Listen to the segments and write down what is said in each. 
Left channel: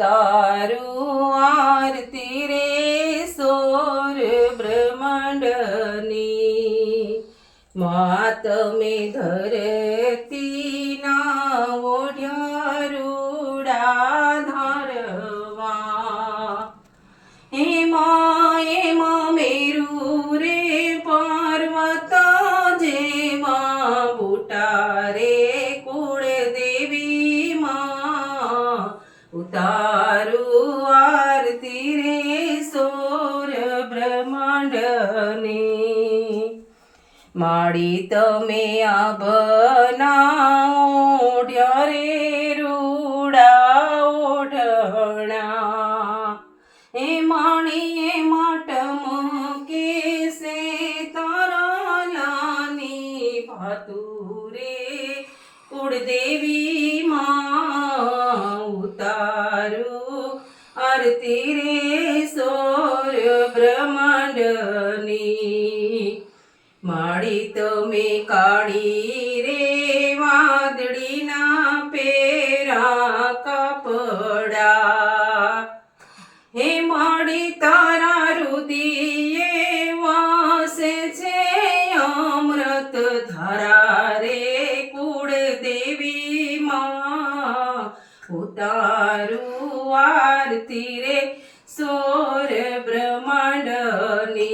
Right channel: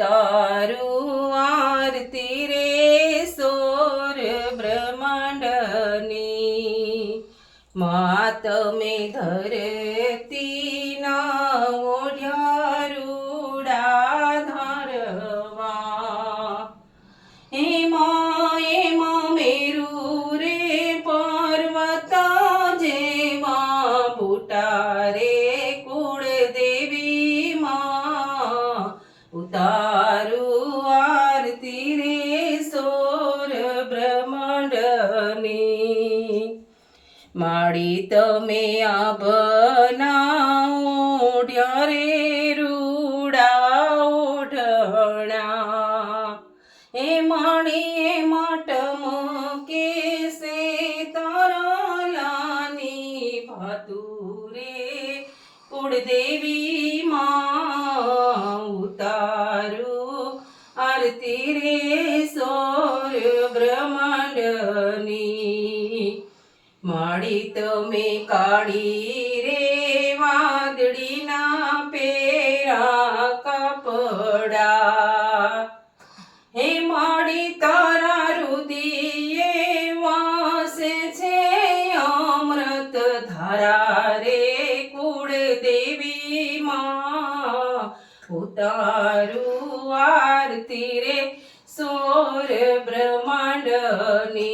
ઉતારું આરતી રે સોર બ્રહ્માંડની માતમે ધરતીના ઓઢ્યા રૂડા ધારવા એમાં મેરુ રે પર્વત જેવા બુટા રે કુળદેવી માં ઉતારું આરતી રે સોર બ્રહ્માંડની માડી તમે આભના ઓઢ્યા રે રૂડા ઓઢણા એ માણીએ માટમ કેસે તારાલાની ભાતુરે કુળદેવી માં ઉતારું આરતી રે સોર બ્રહ્માંડની માડી તમે કાળી રે વાદળીના પેરા કપડા હે માડી તારા રુદિયે વાસે છે અમૃત ધારા રે કુળદેવી માં ઉતારું આરતી રે સોર બ્રહ્માંડની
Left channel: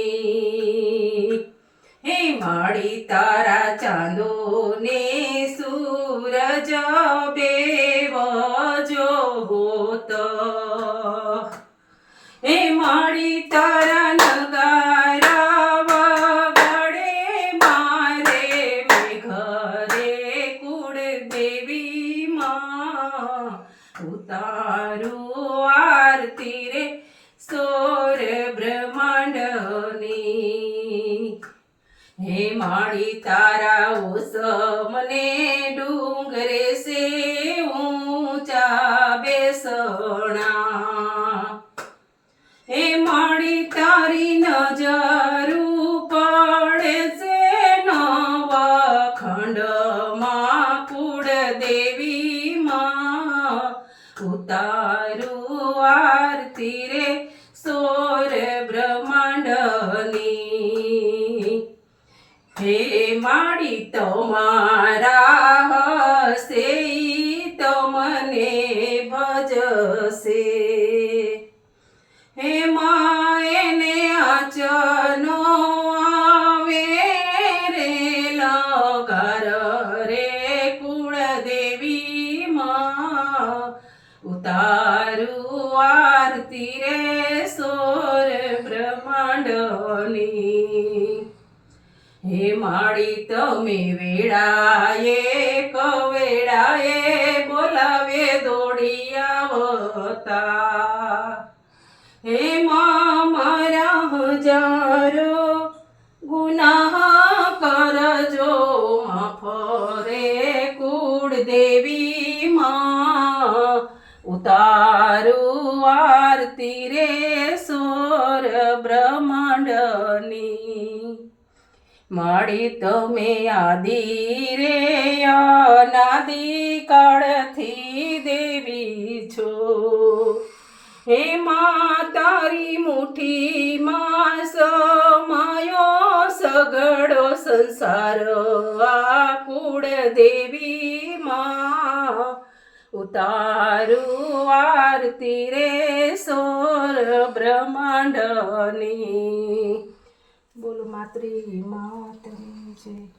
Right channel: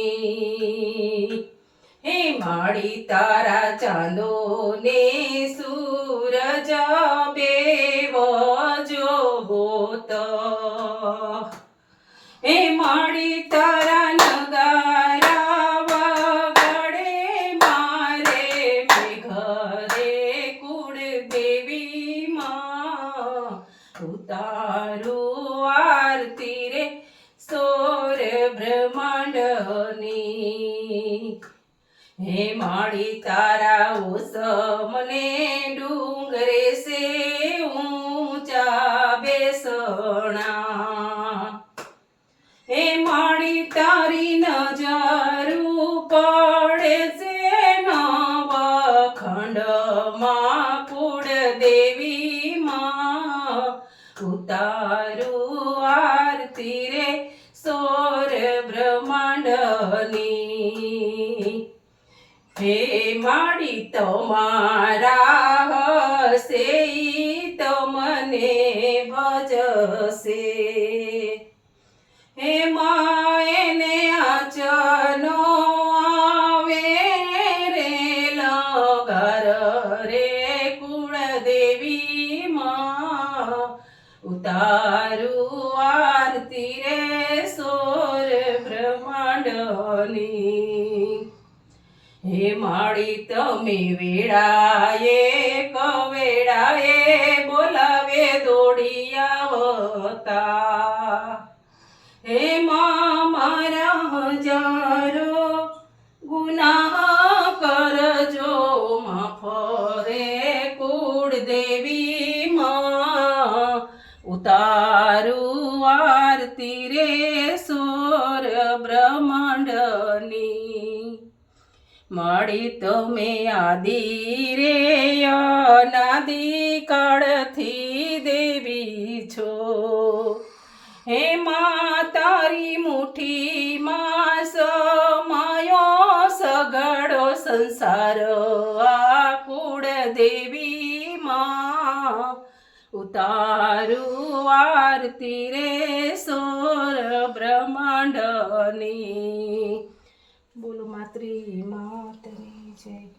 હે માડી તારા ચાંદો ને સૂરજ બેવ જોત હે માડી તારા નગારા વગાડે મારે મેઘરે કુળદેવી માં ઉતારું આરતી રે સોર બ્રહ્માંડની હે માડી તારા ઓસમને ડુંગરે સે ઊંચા બેસણા હે માડી તારી નજરું પડે છે નવા ખંડમાં કુળદેવી માં ઉતારું આરતી રે સોર બ્રહ્માંડની હે માડી તમારા હસે તમને ભજશે હે માયને આચનો આવે રે લગાર રે કુળદેવી માં ઉતારું આરતી રે સોર બ્રહ્માંડની હે માડી તમે વેળાએ કવેળાએ બોલાવે દોડી આવતા હે મારા હજારો ગુનાહ કરજો માફ રે કુળદેવી માં ઉતારું આરતી રે સોર બ્રહ્માંડની માડી તમે આદિ રે અનાદિ કાળથી દેવી છો હે મા તારી મુઠ્ઠીમાં સમાયો સગળો સંસાર આ કુળદેવી માં ઉતારું આરતી રે સોર બ્રહ્માંડની બોલો માતૃ માતની જય.